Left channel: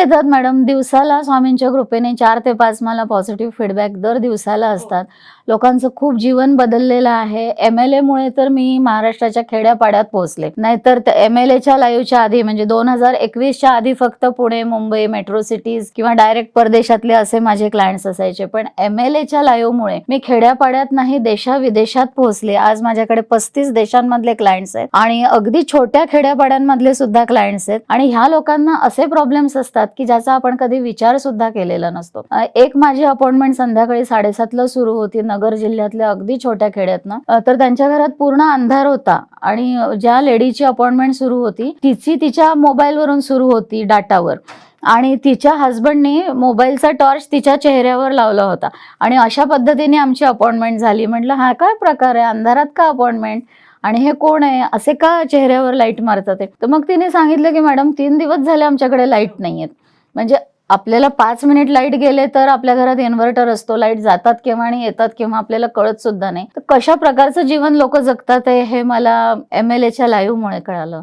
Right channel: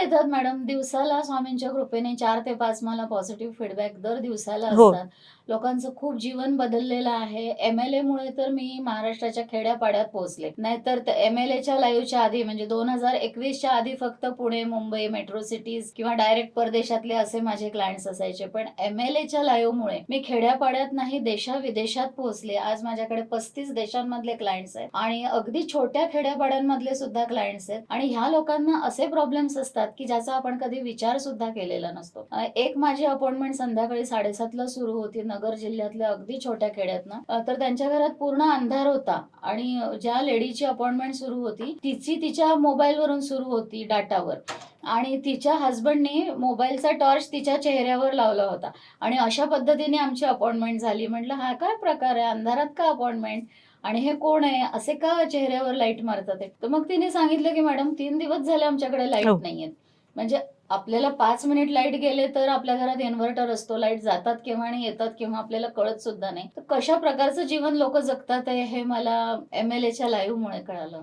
येतात मॅडम. दिवसाला स्वामींच्या कृपेने 4 ते 5 मला पॉझिटिव्ह फीडबॅक दर दिवसाला हो. असतात. लोकांचं खूप जीवन बदललेलं आहे. एम-एल-एमुळे तर मी महाराष्ट्राच्या खेड्यापाड्यात पोहोचले. नाहीतर एम-एल-एच्या लाईव्हच्या आधी म्हणजे 2021च्या आधी फक्त पुणे, मुंबई, मेट्रो सिटीज किंवा डायरेक्ट परदेशातले असे माझे क्लायंट्स असायचे. पण एम-एल-एच्या लाईव्हमुळे मी खेड्यापाड्यात नाही देशा-विदेशात पोहोचले. आज माझ्याकडे 35 देशांमधले क्लायंट्स आहेत आणि अगदी छोट्या खेड्यापाड्यांमधले सुद्धा क्लायंट्स आहेत आणि ह्या लोकांना असे प्रॉब्लेम्स असतात की ज्याचा आपण कधी विचार सुद्धा केलेला नसतो. एक माझी अपॉइंटमेंट संध्याकाळी 7:30ला सुरू होती नगर जिल्ह्यातल्या अगदी छोट्या खेड्यातनं. तर त्यांच्या घरात पूर्ण अंधार होता आणि ज्या लेडीची अपॉइंटमेंट सुरू होती तिच्या मोबाईलवरून सुरू होती डाटावर आणि तिच्या हसबंडने मोबाईलचा टॉर्च तिच्या चेहऱ्यावर लावला होता आणि अशा पद्धतीने आमची अपॉइंटमेंट झाली. म्हटलं हा काय प्रकार आहे, अंधारात का अपॉइंटमेंट आणि हे कोण आहे, असे का चेहऱ्यावर लाईट मारतात आहे. तर मग तिने सांगितलं की मॅडम 3 दिवस झाले आमच्याकडे लाईट हो. नाहीयेत. म्हणजे आपल्याला 5 मिनिट लाईट गेले तर आपल्या घरात इन्व्हर्टर असतो. लाईट जातात केव्हा आणि येतात केव्हा आपल्याला कळत सुद्धा नाही. तर कशा प्रकारचं जीवन लोक जगतात आहे हे मला एम-एल-एच्या लाईव्हमुळे कळालं.